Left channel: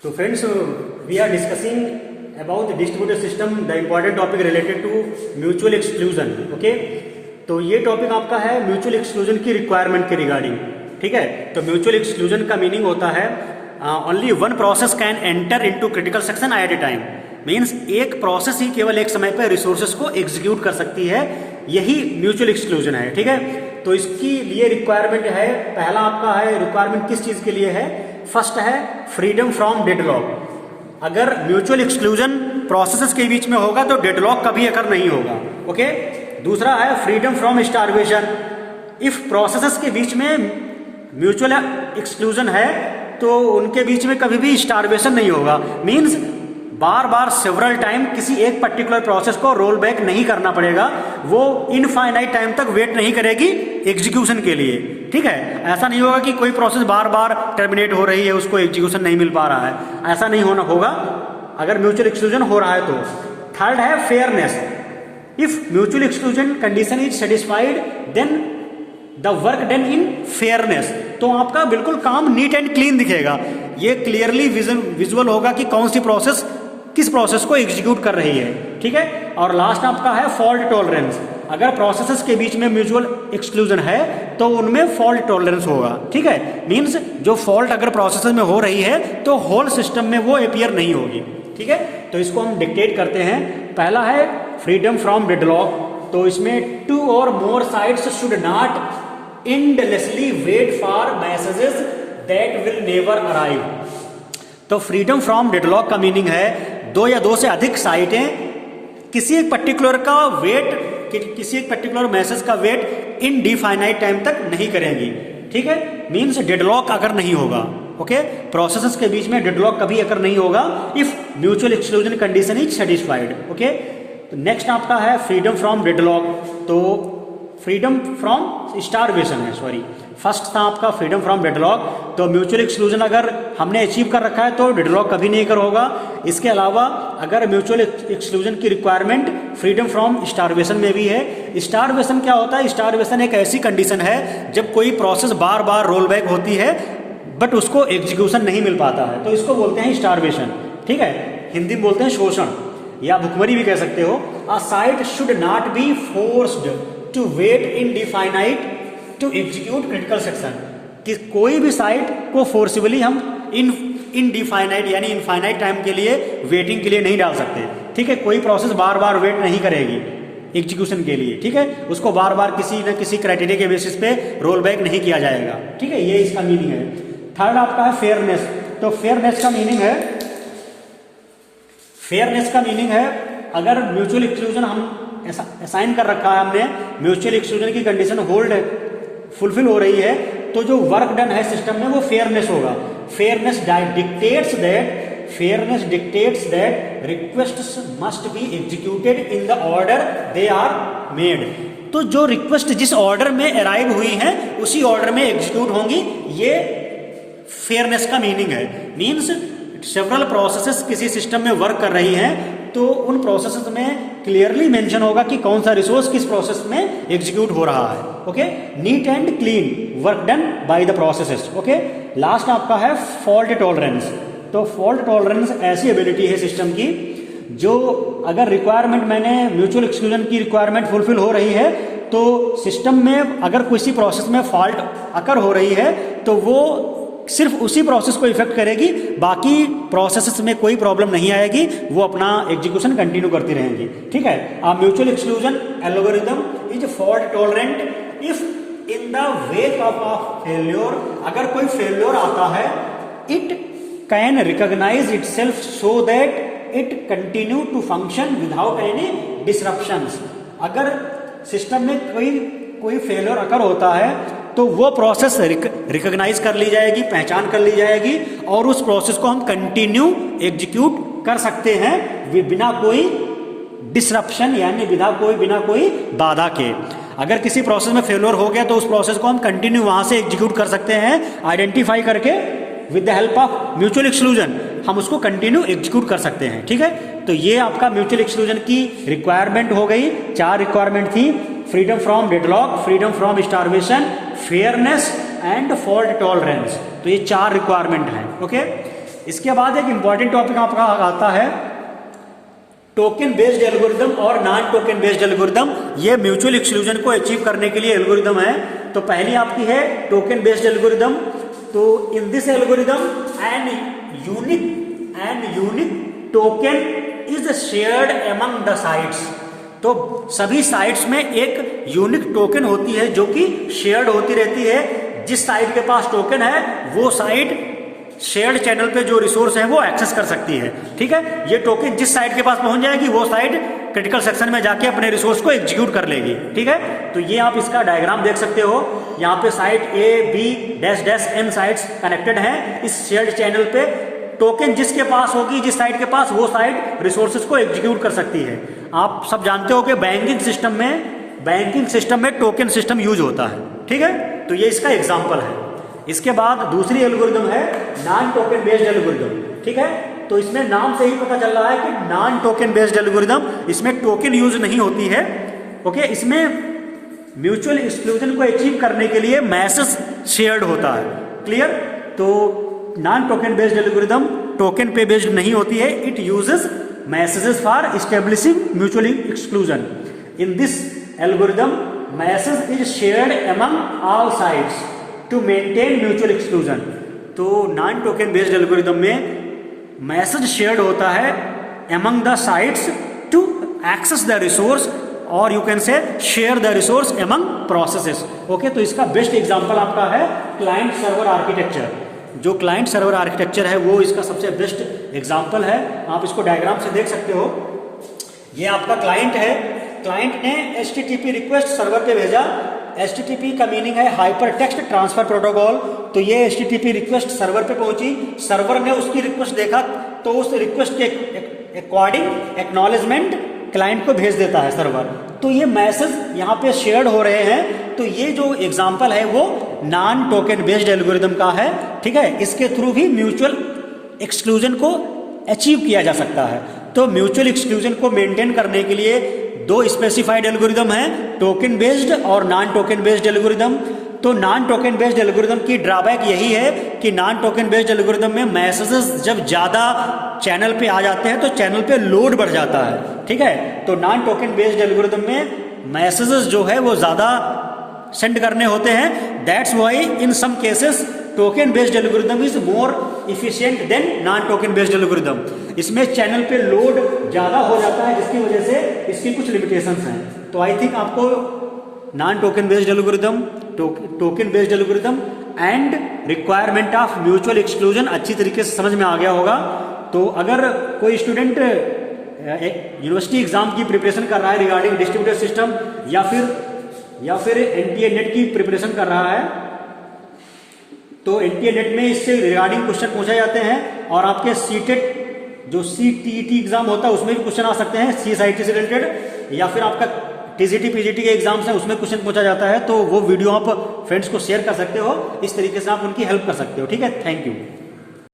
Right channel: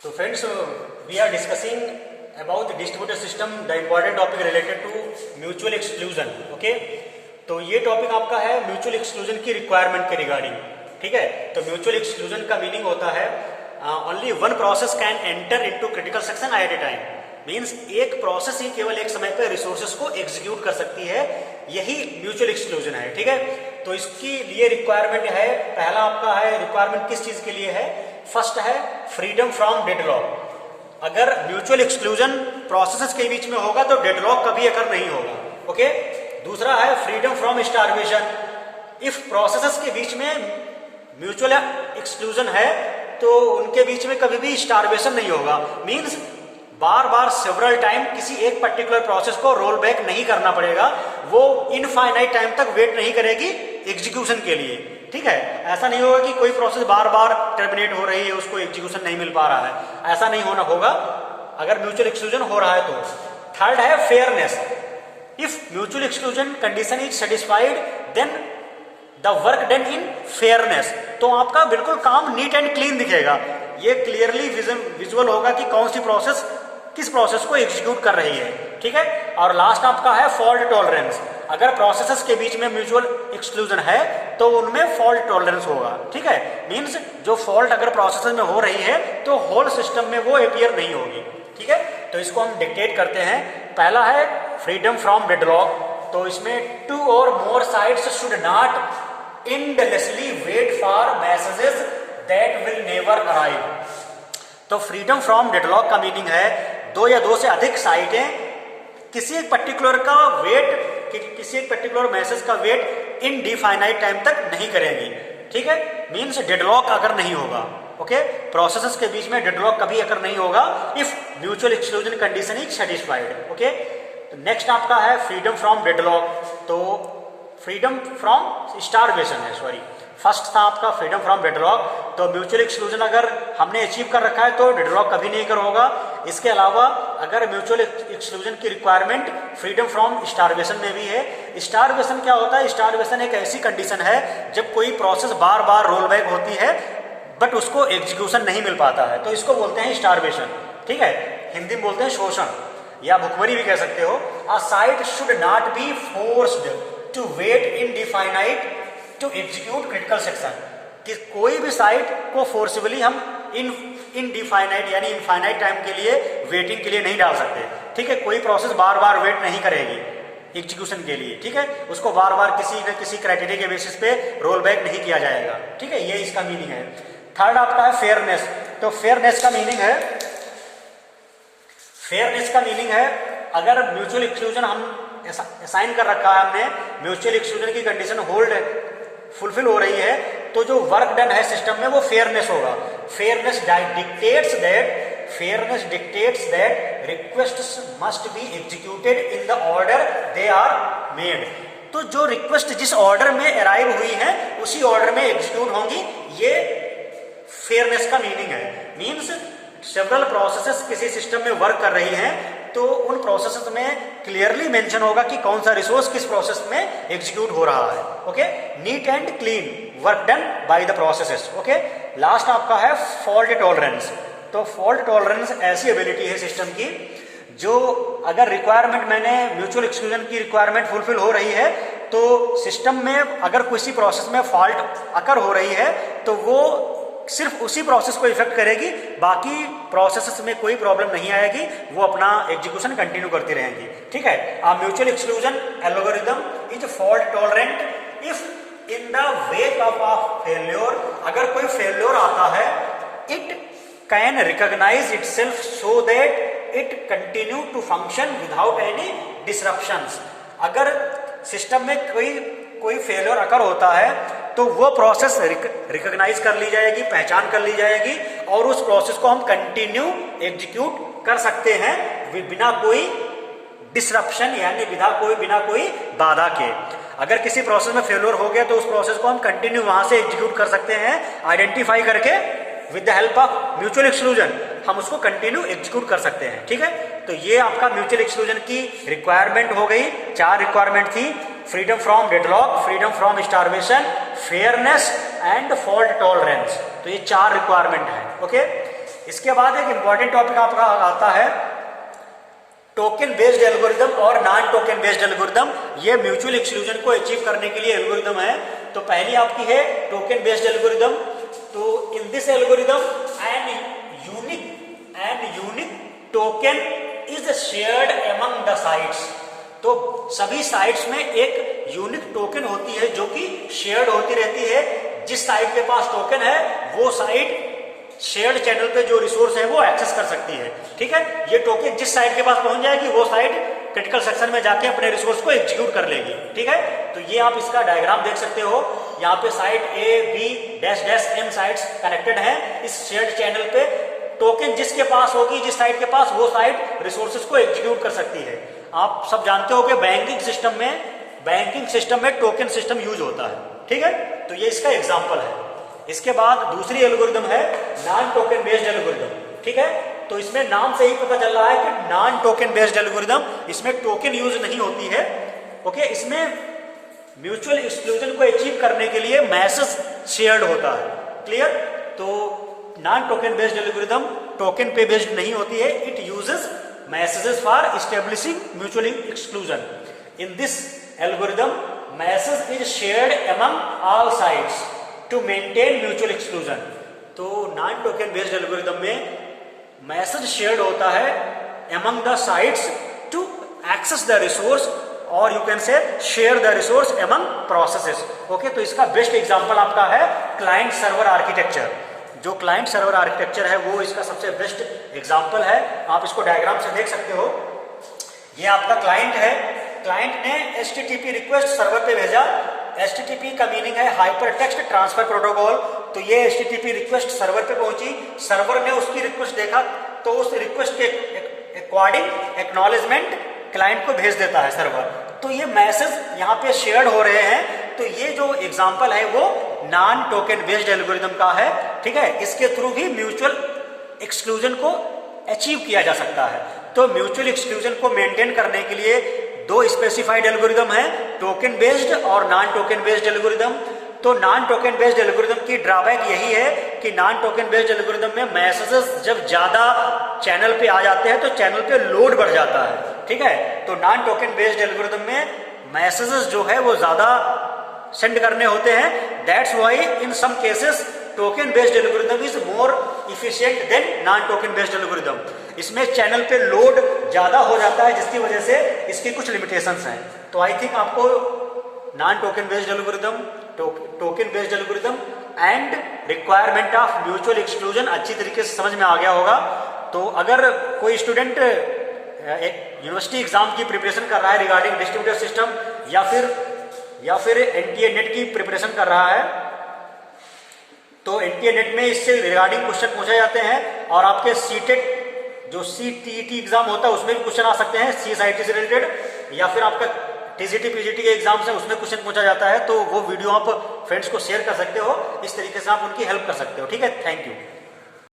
So friends, we are discussing about the distributed system, the important topic related to mutual exclusion. Okay, तो ये topic आपका है mutual exclusion की requirement के regarding. ठीक है, तो म्यूचुअल एक्सक्लूजन का मीनिंग होता है only one process can enter into critical section at a time. Means एक प्रोसेस ही केवल एक समय पर रिसोर्सेज को एग्जीक्यूट कर सकती है, यही म्यूचुअल एक्सक्लूजन है. ठीक है, तो इसके लिए रिक्वायरमेंट है, पहला आपका है रिक्वायरमेंट किस चीज के लिए है. फर्स्ट है फ्रीडम फ्रॉम डेडलॉक. अगर म्यूचुअल एक्सक्लूजन प्रोसेसेस के बीच में होगा तो डेडलॉक कभी अगर नहीं होगा. ओके, दूसरा है freedom from starvation. If processes के बीच में म्यूचुअल एक्सक्लूजन है तो उनके बीच में कभी भी स्टारवेशन नहीं होगा. मींस बार बार सेवरल टाइम किसी एक पर्टिकुलर प्रोसेस को रोल बैक नहीं करना पड़ेगा, वो इनफाइनाइट टाइम तक वेट नहीं करेगी एग्जीक्यूशन के लिए. ठीक है, ऐसा नहीं होगा कि कोई प्रोसेस बार बार टर्मिनेट हो रही है, उसको एग्जीक्यूशन नहीं मिल पा रहा है, ऐसा नहीं होना होगा अगर म्यूचुअल एक्सक्लूजन हो रहा है तो. थर्ड है fairness. If mutual exclusion condition is satisfied then the work done in fairness. तो आपका बिल्कुल काम नीट एंड क्लीन दिखेगा, ये क्लियरली विजुअल होगा कि कौन सी प्रोसेस किस प्रोसेस को एग्जीक्यूट कर रही है. ठीक है, और लास्ट आपका है फॉल्ट टॉलरेंस. अगर प्रोसेसेस के बीच में म्यूचुअल एक्सक्लूजन है तो उनमें फॉल्ट टॉलरेंस होगा. ठीक है, मींस जो फॉल्ट अगर प्रोसेसेस में हो रही है तो होल सिस्टम में वो अपीयर नहीं होगी. ठीक है, तो इसको हम डिक्टेट करते हैं. पहला है फ्रीडम फ्रॉम डेडलॉक. तो इसमें two or more sides should not endlessly wait for messages that will never arrive. तो फ्रीडम फ्रॉम डेडलॉक का मीनिंग है दो या दो से अधिक साइटें किसी एक पर्टिकुलर का वेट, किसी एक पर्टिकुलर मैसेज का वेट इनडिफाइनाइट टाइम तक नहीं करेंगी. ठीक है, मींस डेडलॉक अगर नहीं होगा. ओके, प्रोसेसेस के बीच में डेडलॉक कभी अगर नहीं होगा if mutual exclusion condition is satisfied. Okay, तो नेक्स्ट आपका है फ्रीडम फ्रॉम डेडलॉक. तो फ्रीडम फ्रॉम स्टारवेशन है, सॉरी, फर्स्ट था आपका फ्रीडम फ्रॉम डेडलॉक. तो म्यूचुअल एक्सक्लूजन अगर हमने अचीव कर रखा है तो डेडलॉक कभी नहीं कर होगा. इसके अलावा अगर म्यूचुअल एक्सक्लूजन की रिक्वायरमेंट फ्रीडम फ्रॉम स्टारवेशन में भी है. स्टारवेशन क्या होता है? स्टारवेशन एक ऐसी कंडीशन है जब कोई प्रोसेस बार बार रोल बैक होती है बट उसको एग्जीक्यूशन नहीं मिल पाता है, तो इसको बोलते हैं स्टारवेशन. ठीक है, हिंदी में बोलते हैं शोषण या भुखमरी भी कह सकते हो. A site should not be forced to wait indefinite to execute critical section. कि कोई भी साइट को फोर्सिबली हम इनडिफाइनाइट यानी इनफाइनाइट टाइम के लिए वेटिंग के लिए नहीं डाल सकते. ठीक है, कोई प्रोसेस बार बार वेट नहीं करेगी एग्जीक्यूशन के लिए. ठीक है, उसको बार बार किसी न किसी क्राइटेरिया के बेसिस पे रोल बैक नहीं किया जाएगा. ठीक है, ये इसका मीनिंग है. थर्ड आपका है फेयरनेस. तो फेयरनेस का मीनिंग है, फेयरनेस का मीनिंग है अगर म्यूचुअल एक्सक्लूजन हम असाइन कर रखा है हमने, म्यूचुअल एक्सक्लूजन की कंडीशन होल्ड फुलफिल हो रही है, तो जो वर्क डन है सिस्टम में वो फेयरनेस होगा. Fairness dictates that requests must be executed in the order they are made. तो जो रिक्वेस्ट जिस ऑर्डर में अराइव हुई है उसी ऑर्डर में एग्जीक्यूट होंगी, ये फेयरनेस का मीनिंग है. मीन्स सेवरल प्रोसेसेस किसी सिस्टम में वर्क कर रही हैं तो उन प्रोसेसेस में क्लियरली मेंशन होगा कि कौन सा रिसोर्स किस प्रोसेस में एग्जीक्यूट हो रहा है. Okay, neat and clean work done by the processes. Okay, last आपका है फॉल्ट टॉलरेंस. तो फॉल्ट टॉलरेंस ऐसी एबिलिटी है सिस्टम की जो अगर रिक्वायरमेंट मैंने म्यूचुअल एक्सक्लूजन की रिक्वायरमेंट फुलफिल हो रही है तो सिस्टम में अगर किसी प्रोसेस में फॉल्ट अकर हो रही है तो वो सिर्फ उसी प्रोसेस को इफेक्ट करेगी, बाकी प्रोसेसेस में कोई प्रॉब्लम नहीं आएगी, वो अपना एग्जीक्यूशन कंटिन्यू करती रहेंगी. ठीक है, mutual exclusion algorithm is fault tolerant if in the wake of a failure. अगर कोई फेल्योर आता है it can recognise itself so that it continue to function without any disruptions. अगर सिस्टम में कोई फेल्योर अकर होता है तो वो प्रोसेस रिकॉग्नाइज कर ली जाएगी, पहचान कर ली जाएगी और उस प्रोसेस को हम कंटिन्यू एग्जीक्यूट कर सकते हैं बिना कोई डिसरप्शन यानी बिना कोई बाधा के. अगर किसी प्रोसेस में फेल्योर हो गया तो उस प्रोसेस को हम कंटिन्यू वहां से एग्जीक्यूट कर सकते हैं, आइडेंटिफाई करके with the help of mutual exclusion हम उसको कंटिन्यू एग्जीक्यूट कर सकते हैं. ठीक है, तो ये आपका म्यूचुअल एक्सक्लूजन की रिक्वायरमेंट हो गई. 4 रिक्वायरमेंट थी: freedom from deadlock, freedom from starvation, fairness and fault tolerance. तो ये 4 रिक्वायरमेंट है. ओके, इसके बाद एक इंपॉर्टेंट टॉपिक आपका आता है टोकन बेस्ड एल्गोरिदम और नॉन टोकन बेस्ड एल्गोरिदम। ये म्यूचुअल एक्सक्लूजन को अचीव करने के लिए एल्गोरिदम है। तो पहली आपकी है टोकन बेस्ड एल्गोरिदम। तो in this algorithm an unique token is shared among the sites. तो सभी साइट्स में एक यूनिक टोकन होती है जो कि शेयर्ड होती रहती है। जिस साइट के पास टोकन है वो साइट शेयर्ड चैनल पे जो रिसोर्स है वो एक्सेस कर सकती है। ठीक है, ये टोकन जिस साइट के पास पहुंच जाएगी वो साइट क्रिटिकल सेक्शन में जाके अपने रिसोर्स को एग्जीक्यूट कर लेगी। ठीक है, तो ये आप इसका डायग्राम देख सकते हो। यहाँ पे site A B dash dash N sites connected हैं इस शेयर्ड चैनल पे। टोकन जिसके पास होगी, जिस साइट के पास, वो साइट रिसोर्सेज को एग्जीक्यूट कर सकती है। आप सब जानते हो कि बैंकिंग सिस्टम में टोकन सिस्टम यूज होता है। ठीक है, तो ये इसका एग्जांपल है। इसके बाद दूसरी एल्गोरिदम है नॉन टोकन बेस्ड एल्गोरिदम। ठीक है, तो इसमें नाम से ही पता चल रहा है कि नॉन टोकन बेस्ड एल्गोरिदम, इसमें टोकन यूज नहीं होती है। ओके, इसमें म्यूचुअल एक्सक्लूजन को अचीव करने के लिए मैसेज शेयर्ड होता है। क्लियर? तो non token based algorithm token पे बेस्ड नहीं होती है। It uses messages for establishing mutual exclusion. In this algorithm message is shared among all sites to maintain mutual exclusion. तो नॉन टोकन बेस्ड एल्गोरिदम में message shared होता है among the sites to access the resource, और you can say share the resource among processes. Okay, तो इसका best example आपका है client server architecture. जो क्लाइंट सर्वर आर्किटेक्चर है वो इसका सबसे बेस्ट एग्जांपल है। आप इसको डायग्राम से देख सकते हो। ये आपका क्लाइंट है। क्लाइंट ने HTTP रिक्वेस्ट सर्वर पे भेजा। HTTP का मीनिंग है हाइपर टेक्स्ट ट्रांसफर प्रोटोकॉल। तो ये HTTP रिक्वेस्ट सर्वर पे पहुंची। सर्वर ने उसकी रिक्वेस्ट देखा तो उस रिक्वेस्ट के अकॉर्डिंग एक्नॉलेजमेंट क्लाइंट को भेज देता है सर्वर। तो ये मैसेज यहाँ पे शेयर्ड हो रहे हैं। तो ये जो एग्जांपल है वो नॉन टोकन बेस्ड एल्गोरिदम का है। ठीक है, इसके थ्रू भी म्यूचुअल एक्सक्लूजन को अचीव किया जा सकता है। तो म्यूचुअल एक्सक्लूजन को मेंटेन करने के लिए दो स्पेसिफाइड एल्गोरिदम है, टोकन बेस्ड और नॉन टोकन बेस्ड एल्गोरिदम। तो नॉन टोकन बेस्ड एल्गोरिदम की ड्रॉबैक यही है कि नॉन टोकन बेस्ड एल्गोरिदम में मैसेजेस जब ज्यादा चैनल पे आ जाते हैं तो चैनल पे लोड बढ़ जाता है। ठीक है, तो नॉन टोकन बेस्ड एल्गोरिदम में मैसेजेस जो है वो ज्यादा सेंड करने होते हैं। That's why in some cases token based algorithm is more efficient than non token based algorithm. इसमें चैनल पे लोड ज्यादा हो जाता है जिसकी वजह से इसकी कुछ लिमिटेशंस हैं। तो आई थिंक आपको non token based algorithm, token based algorithm and requirement of mutual exclusion अच्छी तरीके से समझ में आ गया होगा। तो अगर कोई स्टूडेंट यूनिवर्सिटी एग्जाम की प्रिपरेशन कर रहा है रिगार्डिंग डिस्ट्रीब्यूटेड सिस्टम या फिर NTA नेट की प्रिपरेशन कर रहा है, तो NTA नेट में इससे रिगार्डिंग क्वेश्चन पूछे जाते हैं। और आपके सीटेट जो CTET एग्जाम होता है उसमें भी क्वेश्चन आ सकते हैं CSIT से रिलेटेड, या फिर आपका TGT PGT के एग्जाम्स हैं उसमें क्वेश्चन पूछा जाता है। तो वो वीडियो आप फ्रेंड्स को शेयर कर सकते हो। इस तरीके से आप उनकी हेल्प कर सकते हो। ठीक है, थैंक यू।